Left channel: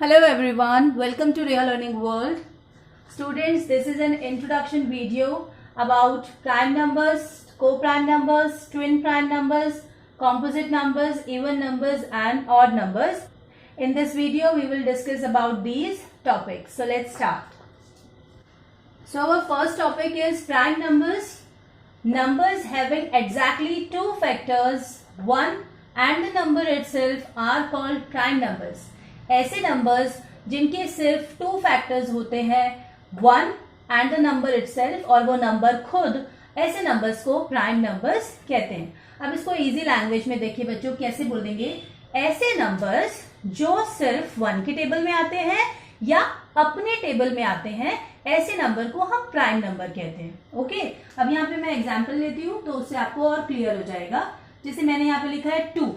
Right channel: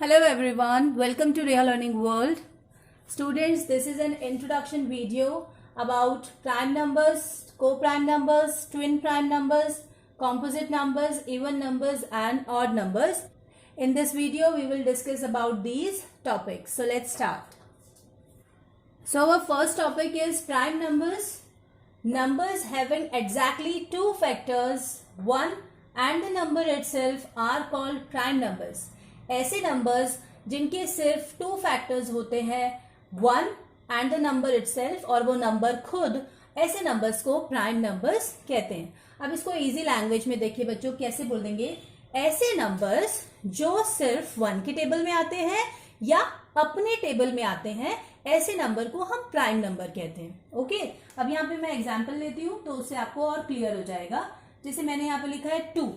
Hello everyone, welcome to Real Learning World. Students, this is an introduction video about prime numbers, co-prime numbers, twin prime numbers, composite numbers, even numbers and odd numbers. In this video, we will discuss about these topics. So let's start. So our first topic is prime numbers. Numbers having exactly two factors, 1 and the number itself are called prime numbers. ऐसे numbers जिनके सिर्फ two factors होते हैं, 1 and the number itself और वो number खुद, ऐसे numbers को प्राइम नंबर्स कहते हैं। अब इसको इजी लैंग्वेज में देखिए बच्चों, कैसे बोल देंगे? ऐसे नंबर्स जो सिर्फ 1 के टेबल में आते हैं या अपने टेबल में आते हैं, ऐसे नंबर को हम प्राइम नंबर कहते हैं। ओके, अब यहाँ पे मैं एग्जाम्पल लेती हूँ तो उससे आपको और क्लियर हो जाएगा। जैसे मैंने यहाँ पे लिखा है 2।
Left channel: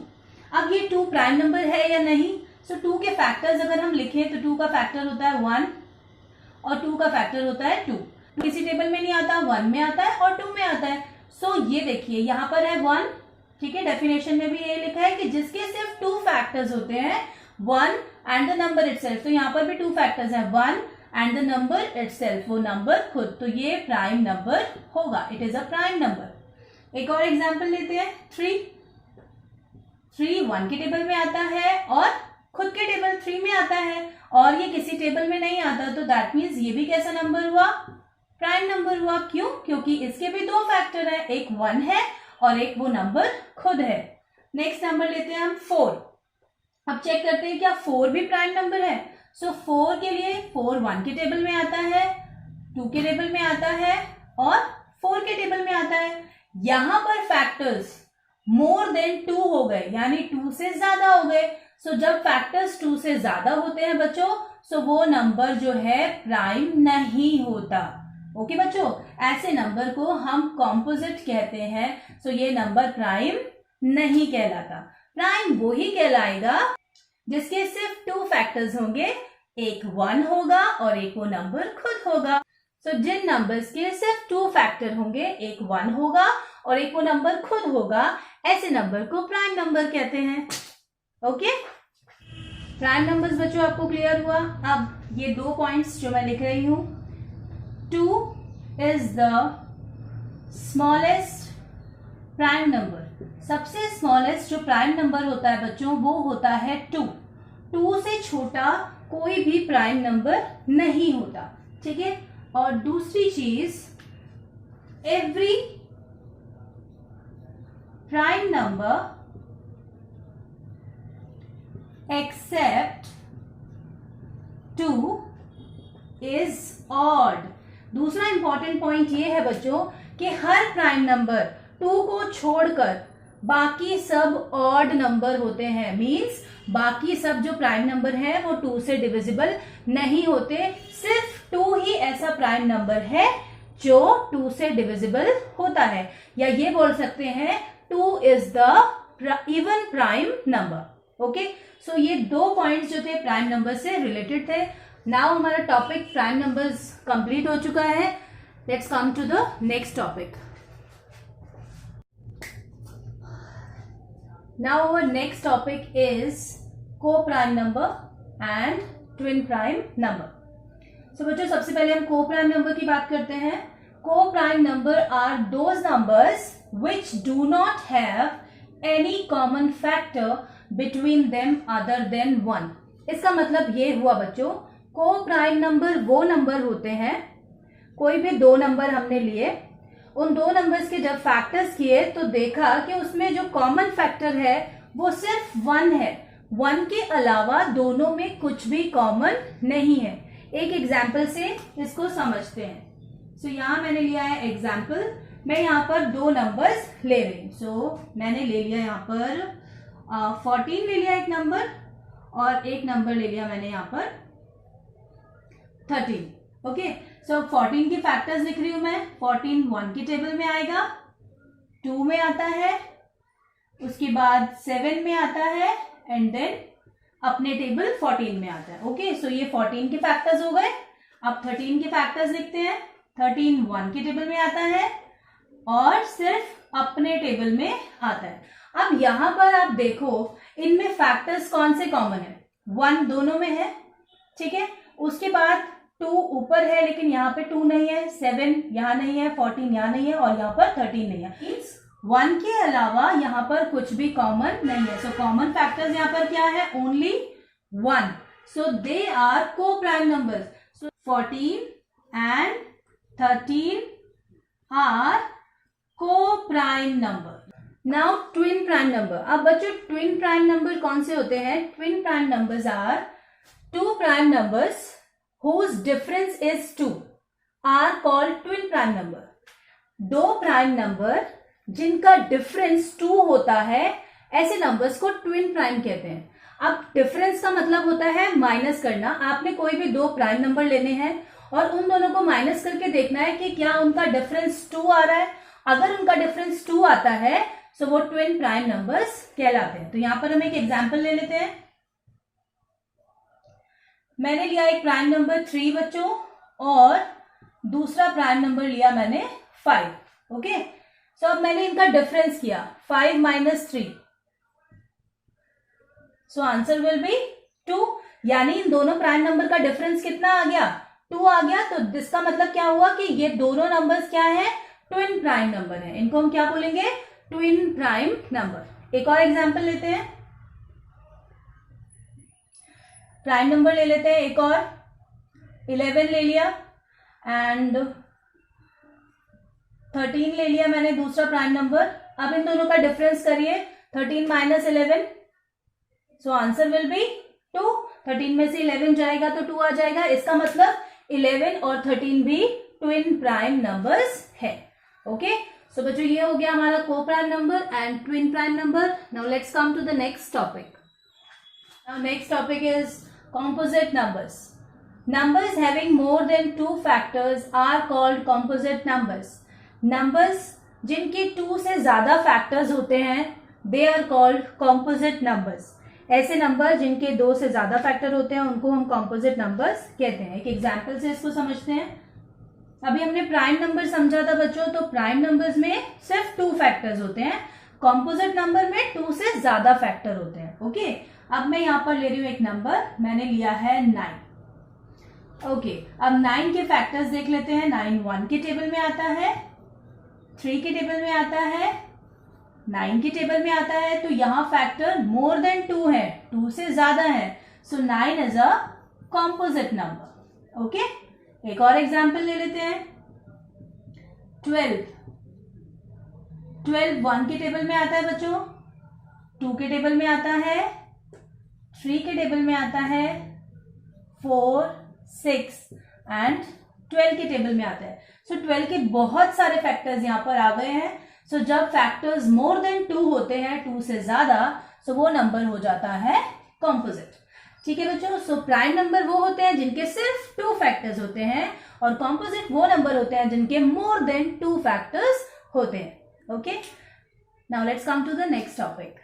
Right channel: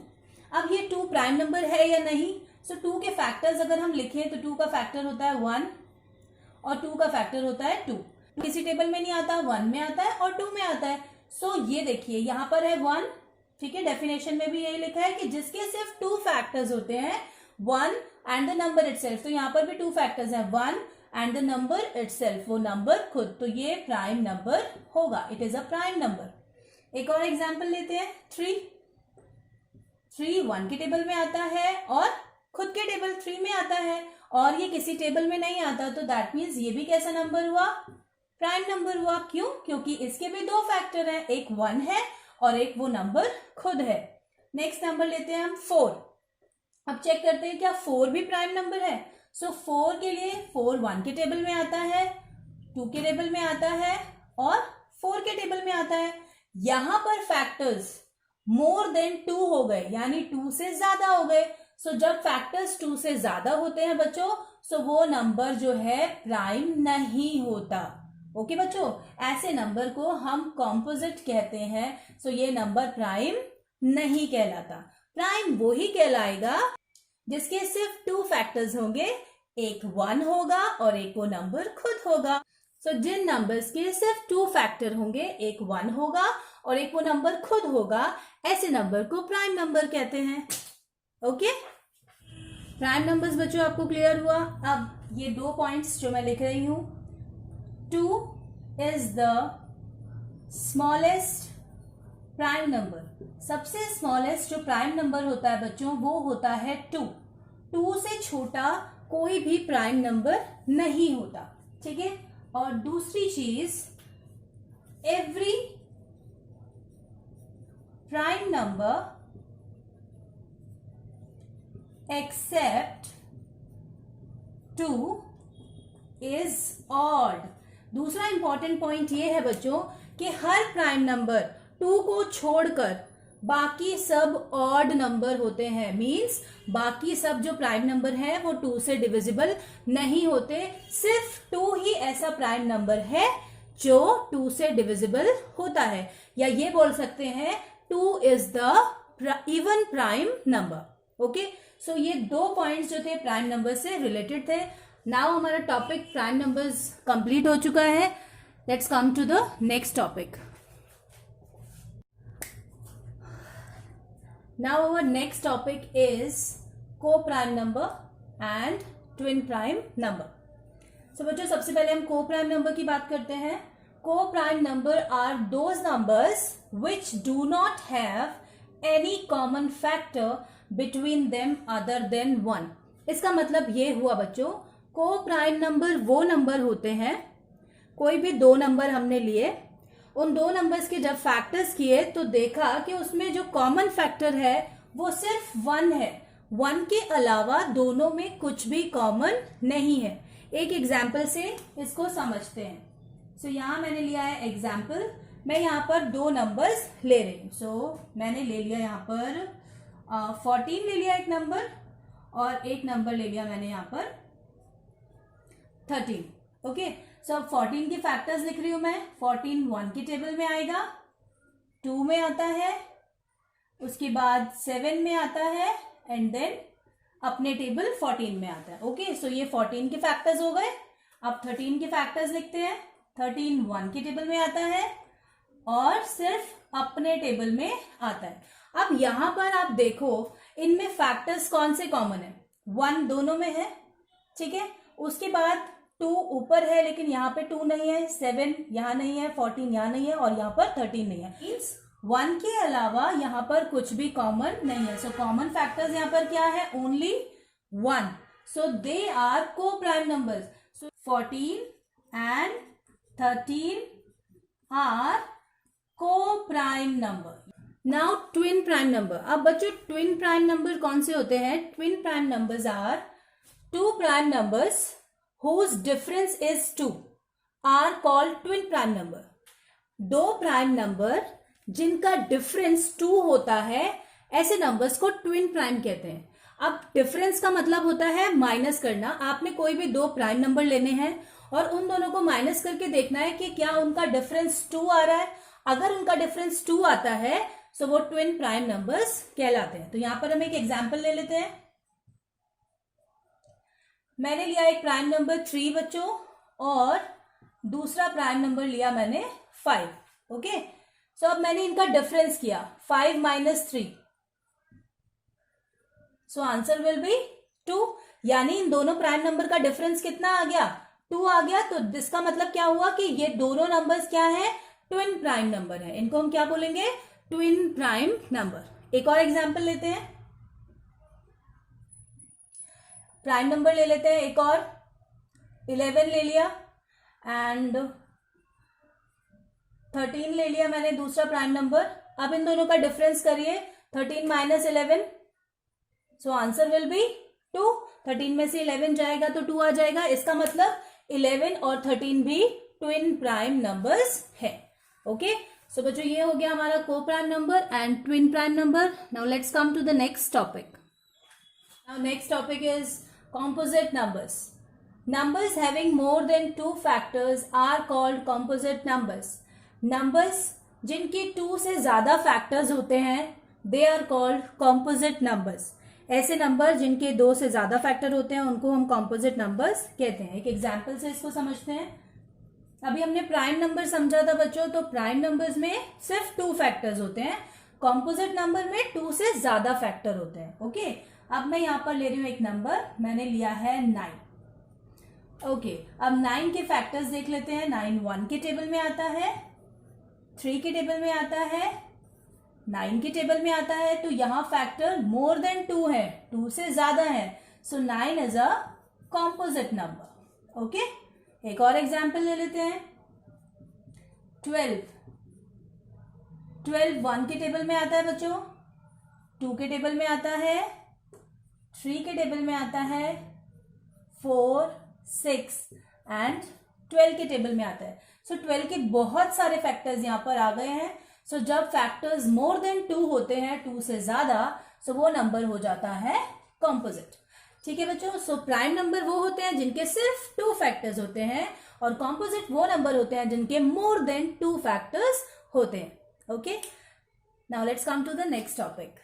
अब ये 2 प्राइम नंबर है या नहीं? सो 2 के फैक्टर्स अगर हम लिखें तो 2 का फैक्टर होता है 1 और 2 का फैक्टर होता है 2। किसी टेबल में नहीं आता, 1 में आता है और 2 में आता है। सो ये देखिए यहाँ पर है 1, ठीक है। डेफिनेशन में भी ये लिखा है कि जिसके सिर्फ 2 फैक्टर्स होते हैं, 1 एंड द नंबर इटसेल्फ। तो यहाँ पर भी 2 फैक्टर्स हैं, 1 एंड द नंबर इटसेल्फ, वो नंबर खुद। तो ये प्राइम नंबर होगा, it is a prime number. एक और एग्जाम्पल लेते हैं, 3 1 के टेबल में आता है और खुद के टेबल 3 में आता है, और ये किसी टेबल में नहीं आता, तो दैट मीन्स ये भी कैसा नंबर हुआ? प्राइम नंबर हुआ। क्यों? क्योंकि इसके भी 2 फैक्टर है, एक 1 है और एक वो नंबर खुद है। नेक्स्ट नंबर लेते हैं हम 4। अब चेक करते हैं क्या 4 भी प्राइम नंबर है। सो 4 के लिए 4 1 के टेबल में आता है, 2 के टेबल में आता है और 4 के टेबल में आता है। यहां पर फैक्टर्स मोर देन 2 हो गए, यानी 2 से ज्यादा हो गए। सो जब फैक्टर्स 2 से ज्यादा होते हैं बच्चों, सो वो नंबर जो है प्राइम नहीं होता। ओके बच्चों, ऐसे नंबर को हम कॉम्पोजिट कहते हैं। सो ये नंबर प्राइम नहीं कहलाता। प्राइम वो ही कहलाएगा जिसके सिर्फ 2 फैक्टर्स होंगे, एक 1 होगा और एक वो नंबर खुद होगा। सो जिन नंबर्स के सिर्फ 2 फैक्टर होंगे, एक 1 होगा और एक वो नंबर खुद होगा, ऐसे नंबर को प्राइम नंबर कहते हैं। ओके, प्राइम नंबर्स बच्चों आपको क्लियर हुआ। अब ये 2 पॉइंट्स जो मैं लिख रही हूं, 2 is the smallest prime number. सबसे स्मॉलेस्ट जो प्राइम नंबर होता है बच्चों, वो होता है 2। 2 से छोटा कोई भी प्राइम नंबर नहीं होता, ठीक है। और दूसरी चीज, every prime number except 2 is odd. दूसरा इंपॉर्टेंट पॉइंट ये है बच्चों कि हर प्राइम नंबर 2 को छोड़कर बाकी सब ऑड नंबर होते हैं। मींस बाकी सब जो प्राइम नंबर है वो 2 से डिविजिबल नहीं होते। सिर्फ 2 ही ऐसा प्राइम नंबर है जो 2 से डिविजिबल होता है, या ये बोल सकते हैं 2 is the even prime number. Okay, so ये 2 पॉइंट्स जो थे प्राइम नंबर से रिलेटेड थे। नाउ हमारा टॉपिक प्राइम नंबर्स कंप्लीट हो चुका है। Let's come to the next topic. Now our next topic is co prime number and twin prime number. So बच्चों, सबसे पहले हम को प्राइम नंबर की बात करते हैं। को prime number are those numbers which do not have any common factor between them other than 1। इसका मतलब ये हुआ बच्चों, को प्राइम नंबर वो नंबर होते हैं, कोई भी 2 नंबर हमने लिए, उन 2 नंबर्स के जब फैक्टर्स किए तो देखा कि उसमें जो कॉमन फैक्टर है वो सिर्फ 1 है। 1 के अलावा दोनों में कुछ भी कॉमन नहीं है। एक एग्जाम्पल से इसको समझते हैं। सो यहां मैंने लिया है एग्जाम्पल, मैं यहाँ पर 2 नंबर्स ले रही हूँ। सो मैंने ले लिया यहाँ पर 14 ले लिया एक नंबर, और एक नंबर ले लिया मैंने यहाँ पर 13। ओके, सो 14 की फैक्टर्स लिख रही हूं मैं। 14 1 के टेबल में आएगा, 2 में आता है, उसके बाद 7 में आता है एंड देन अपने टेबल 14 में आता है। ओके, सो ये 14 के फैक्टर्स हो गए। अब 13 के फैक्टर्स लिखते हैं। 13 1 के टेबल में आता है और सिर्फ अपने टेबल में आता है। अब यहां पर आप देखो, इनमें फैक्टर्स कौन से कॉमन है? 1 दोनों में है, ठीक है, उसके बाद 2 ऊपर है लेकिन यहाँ पे 2 नहीं है, 7 यहाँ नहीं है, 14 यहाँ नहीं है और यहाँ पर 13 नहीं है। मीन्स 1 के अलावा यहाँ पर कुछ भी कॉमन नहीं है। सो कॉमन फैक्टर्स यहाँ पर क्या है? Only 1. So they are co prime numbers. So 14 and 13 are co prime number. Now twin prime number. अब बच्चों ट्विन प्राइम नंबर कौन से होते हैं? Twin prime numbers are two prime numbers whose difference is 2 are called twin prime number. दो prime number जिनका difference 2 होता है, ऐसे नंबर्स को ट्विन प्राइम कहते हैं. अब डिफरेंस का मतलब होता है माइनस करना. आपने कोई भी दो प्राइम नंबर लेने हैं और उन दोनों को माइनस करके देखना है कि क्या उनका डिफरेंस 2 आ रहा है. अगर उनका डिफरेंस 2 आता है तो वो ट्विन प्राइम नंबर्स कहलाते हैं. तो यहां पर हम एक एग्जांपल ले लेते हैं. मैंने लिया एक प्राइम नंबर 3 बच्चों और दूसरा प्राइम नंबर लिया मैंने 5. ओके, सो अब मैंने इनका डिफरेंस किया 5 minus 3. So answer will be 2. यानी इन दोनों प्राइम नंबर का डिफरेंस कितना आ गया? 2 आ गया. तो इसका मतलब क्या हुआ कि ये दोनों नंबर्स क्या है? ट्विन प्राइम नंबर है. इनको हम क्या बोलेंगे? Twin prime number. एक और एग्जांपल लेते हैं. प्राइम नंबर ले लेते हैं एक और. 11 ले लिया एंड 13 ले लिया मैंने दूसरा प्राइम नंबर. अब इन दोनों का डिफरेंस करिए 13 minus 11. So answer will be 2. 13 में से 11 जाएगा तो 2 आ जाएगा. इसका मतलब 11 और 13 भी ट्विन प्राइम नंबर्स है. ओके, सो बच्चों ये हो गया हमारा को prime number and twin prime number. Now let's come to the next topic. Now next topic is composite numbers. Numbers having more than 2 factors are called composite numbers. Numbers जिनके 2 से ज्यादा factors होते हैं they are called composite numbers. ऐसे number जिनके 2 से ज्यादा factor होते हैं उनको हम composite numbers कहते हैं. एक एग्जाम्पल से इसको समझते हैं. अभी हमने प्राइम नंबर समझा था बच्चों. तो प्राइम नंबर्स में सिर्फ 2 फैक्टर्स होते हैं. कॉम्पोजिट नंबर में 2 से ज्यादा फैक्टर होते हैं. ओके, अब मैं यहां पर ले रही हूं एक नंबर. मैंने लिया है 9. ओके, अब 9 के फैक्टर्स देख लेते हैं. 9 1 के टेबल में आता है, 3 के टेबल में आता है, 9 के टेबल में आता है. तो यहां फैक्टर मोर देन 2 है, 2 से ज्यादा है. सो 9 is a composite number. Okay, एक और एग्जाम्पल ले लेते हैं. 12 1 के टेबल में आता है बच्चों, 2 के टेबल में आता है, 3 के टेबल में आता है, 4 6 एंड 12 के टेबल में आता है. सो 12 के बहुत सारे फैक्टर्स यहाँ पर आ गए हैं. सो जब फैक्टर्स मोर देन 2 होते हैं, 2 से ज्यादा, सो वो नंबर हो जाता है कॉम्पोजिट. ठीक है बच्चों. सो प्राइम नंबर वो होते हैं जिनके सिर्फ 2 फैक्टर्स होते हैं और कॉम्पोजिट वो नंबर होते हैं जिनके मोर देन 2 फैक्टर्स होते हैं. Okay, now let's come to the next topic.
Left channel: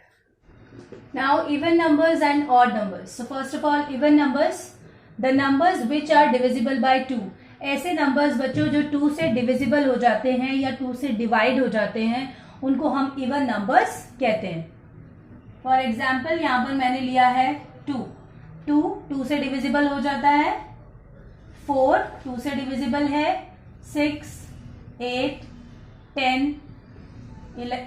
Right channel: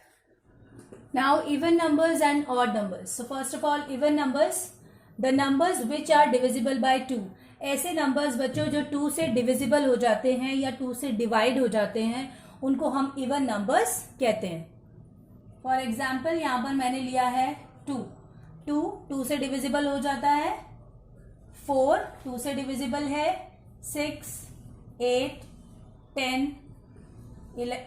Now even numbers and odd numbers. So first of all even numbers, the numbers which are divisible by 2. ऐसे numbers बच्चों जो 2 से divisible हो जाते हैं या 2 से divide हो जाते हैं उनको हम even numbers कहते हैं. For example यहाँ पर मैंने लिया है 2 से divisible हो जाता है, 4 2 से divisible है, 6 8 10 11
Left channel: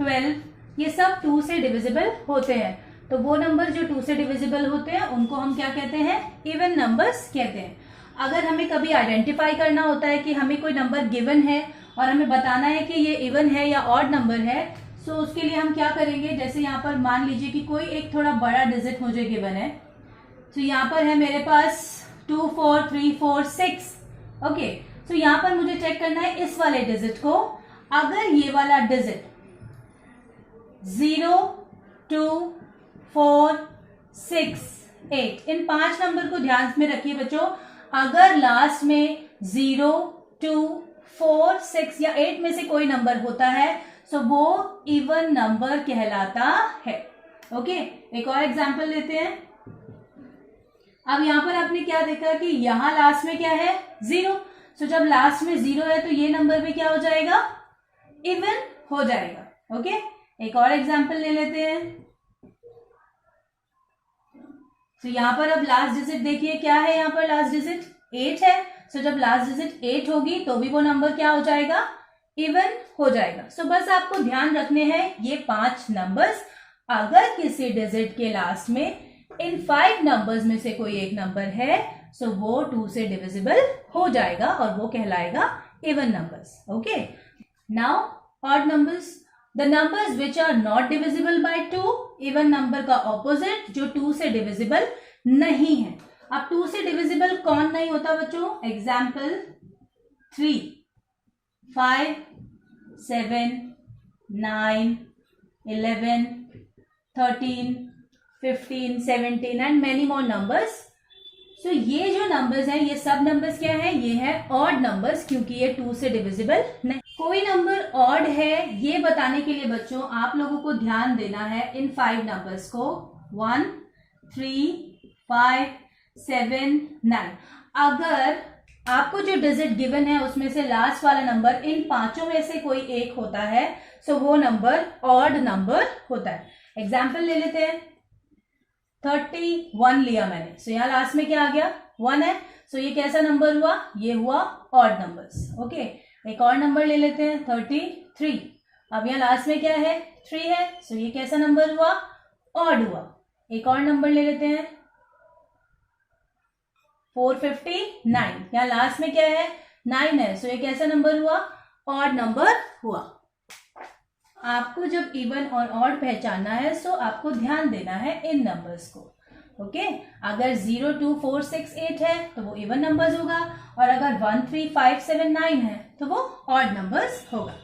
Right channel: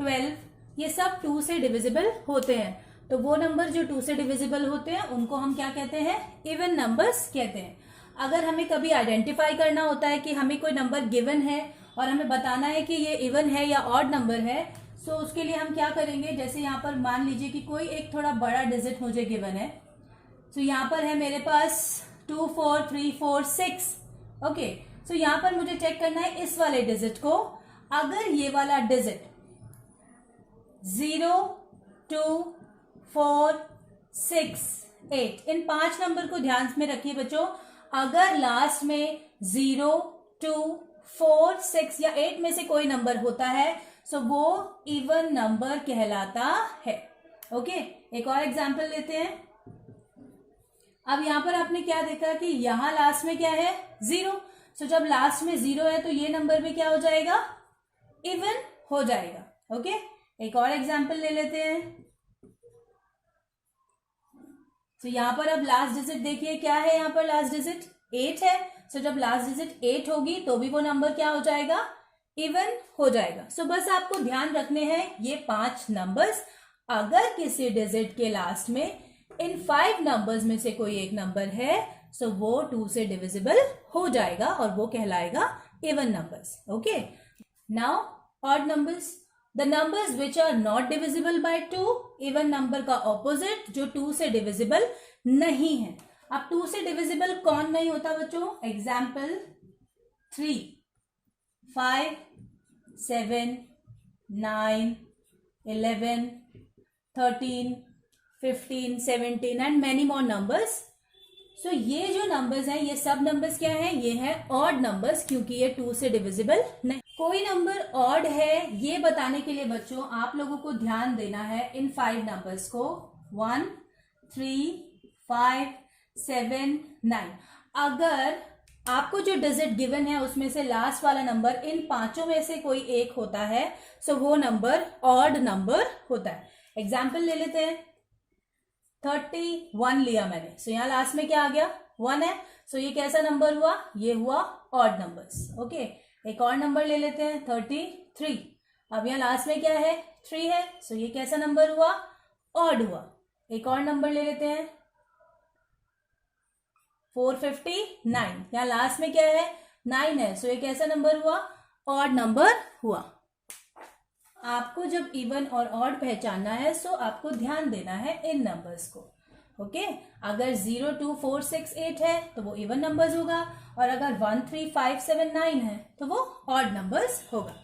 12 ये सब 2 से डिविजिबल होते हैं. तो वो नंबर जो 2 से डिविजिबल होते हैं उनको हम क्या कहते हैं? इवन नंबर्स कहते हैं. अगर हमें कभी आइडेंटिफाई करना होता है कि हमें कोई नंबर गिवन है और हमें बताना है कि ये इवन है या ऑड नंबर है, सो उसके लिए हम क्या करेंगे? जैसे यहाँ पर मान लीजिए कि कोई एक थोड़ा बड़ा डिजिट मुझे गिवन है. तो यहाँ पर है मेरे पास 2 4 3 4 6. ओके, सो यहाँ पर मुझे चेक करना है इस वाले डिजिट को. अगर ये वाला डिजिट 0 2 4 6 8 इन 5 नंबर को ध्यान में रखिए बच्चों. अगर लास्ट में 0 2 4 6 या 8 में से कोई नंबर होता है सो वो इवन नंबर कहलाता है. ओके, एक और एग्जांपल लेते हैं. अब यहां पर आपने क्या देखा कि यहां लास्ट में क्या है? 0. सो जब लास्ट में 0 है तो ये नंबर भी क्या हो जाएगा? इवन हो जाएगा. ओके, एक और एग्जांपल ले लेते हैं. तो यहाँ पर अब लास्ट डिजिट देखिए क्या है, यहाँ पर लास्ट डिजिट 8 है। सो जब लास्ट डिजिट 8 होगी तो भी वो नंबर क्या हो जाएगा, इवन हो जाएगा। सो बस आपको ध्यान रखने हैं ये 5 नंबर्स, अगर किसी डिजिट के लास्ट में इन 5 नंबर्स में से कोई एक नंबर है सो वो 2 से डिविजिबल हो जाएगा और वो कहलाएगा even numbers. Okay, now odd numbers, the numbers which are not divisible by 2, even number का ऑपोजिट जो 2 से डिविजिबल नहीं है। अब 2 से डिविजिबल कौन नहीं होता बच्चों, example 3, 5, 7, 9, 11, 13, 15, 17 and many more numbers. So ये जो नंबर्स हैं ये सब नंबर्स क्या हैं, ये है ऑड नंबर्स, क्योंकि ये 2 से डिविजिबल नहीं। कोई नंबर ऑड है ये बताने के लिए बच्चों आप लोगों को ध्यान देना है इन 5 नंबर्स को, 1, 3, 5, 7, 9। अगर आपको जो डिजिट गिवन है उसमें से लास्ट वाला नंबर इन 5 में से कोई एक होता है सो वो नंबर ऑड नंबर होता है। एग्जाम्पल ले लेते हैं, 31 लिया मैंने, सो यहाँ लास्ट में क्या आ गया, 1 है। सो ये कैसा नंबर हुआ, ये हुआ ऑड नंबर्स। ओके, एक और नंबर ले लेते हैं 33, अब यहाँ लास्ट में क्या है, 3 है। सो ये कैसा नंबर हुआ, ऑड हुआ। एक और नंबर ले लेते हैं 459, यहाँ लास्ट में क्या है, 9 है। सो ये कैसा नंबर हुआ, ऑड नंबर हुआ। आपको जब इवन और ऑड पहचानना है सो आपको ध्यान देना है इन नंबर्स को। ओके, अगर 0, 2, 4, 6, 8 है तो वो इवन नंबर्स होगा, और अगर 1, 3, 5, 7, 9 है तो वो ऑड नंबर्स होगा।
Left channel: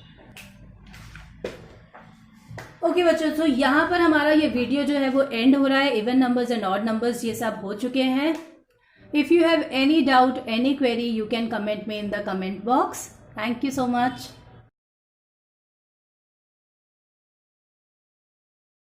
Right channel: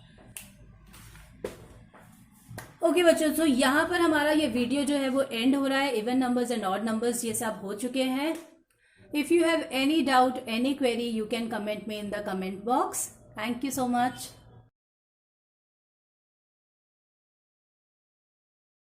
ओके बच्चों, तो यहाँ पर हमारा ये वीडियो जो है वो एंड हो रहा है। Even numbers and odd numbers ये सब हो चुके हैं। If you have any doubt, any query, you can comment me in the comment box. Thank you so much.